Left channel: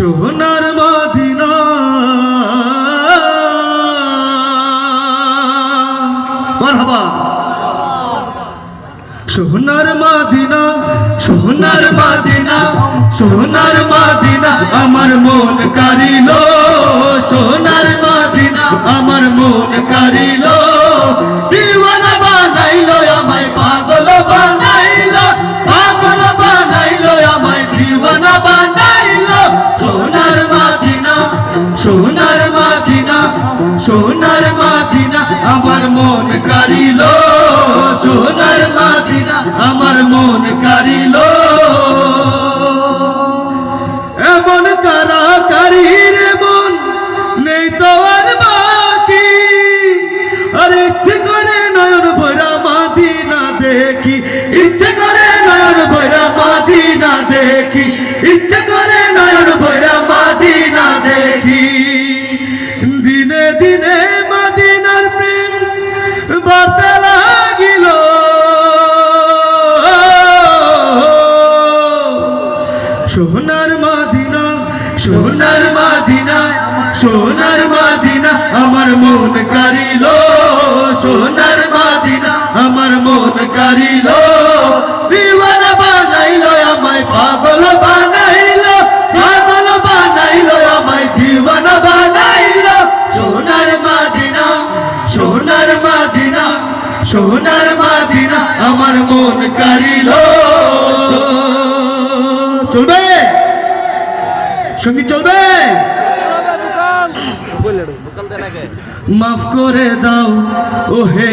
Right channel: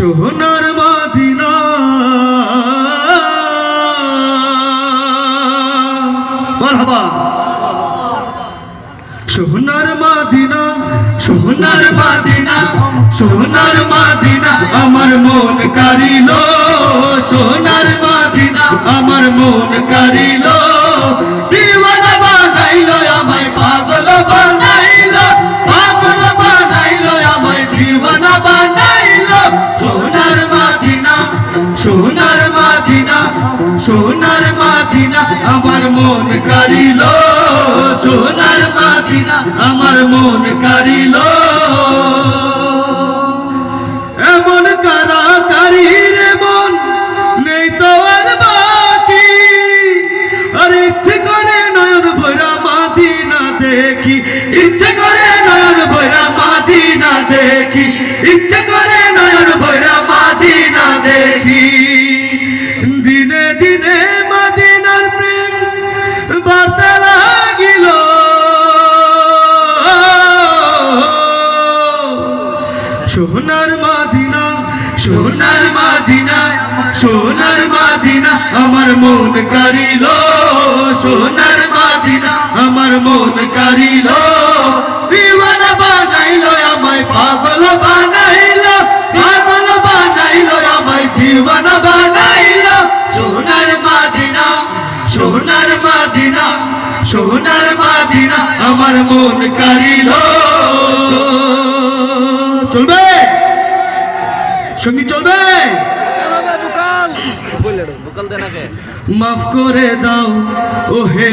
সোহনার মাদিনা। সোহনার মাদিনা সোহনার মাদিনা সোহনার মাদিনা, আমার মন কারিল। সোহনার মাদিনা, আমার মন কারিল। সোনার মাদিনা সোনার মাদিনা, আমার মন কারিল সোনার মাদিনা, আমার মন কারিল এমন কারাকারি রে মন নেই তো আর বাকি। আর ইচ্ছে করে নয়ন ভরা মাদিনা দেখি, ইচ্ছে বার্তা লাগিল। সোনার মাদিনা সোনার মাদিনা সোনার মাদিনা আমার মন কারিল সোনার মাদিনা আমার মন কারিল দিওয়ানা বানাইল আমায় পাগল বানাইল সোনার মাদিনা সোনার মাদিনা আমার মন কারিল চলবে? সংগীত চলবে? মাফ করে দাও ও হে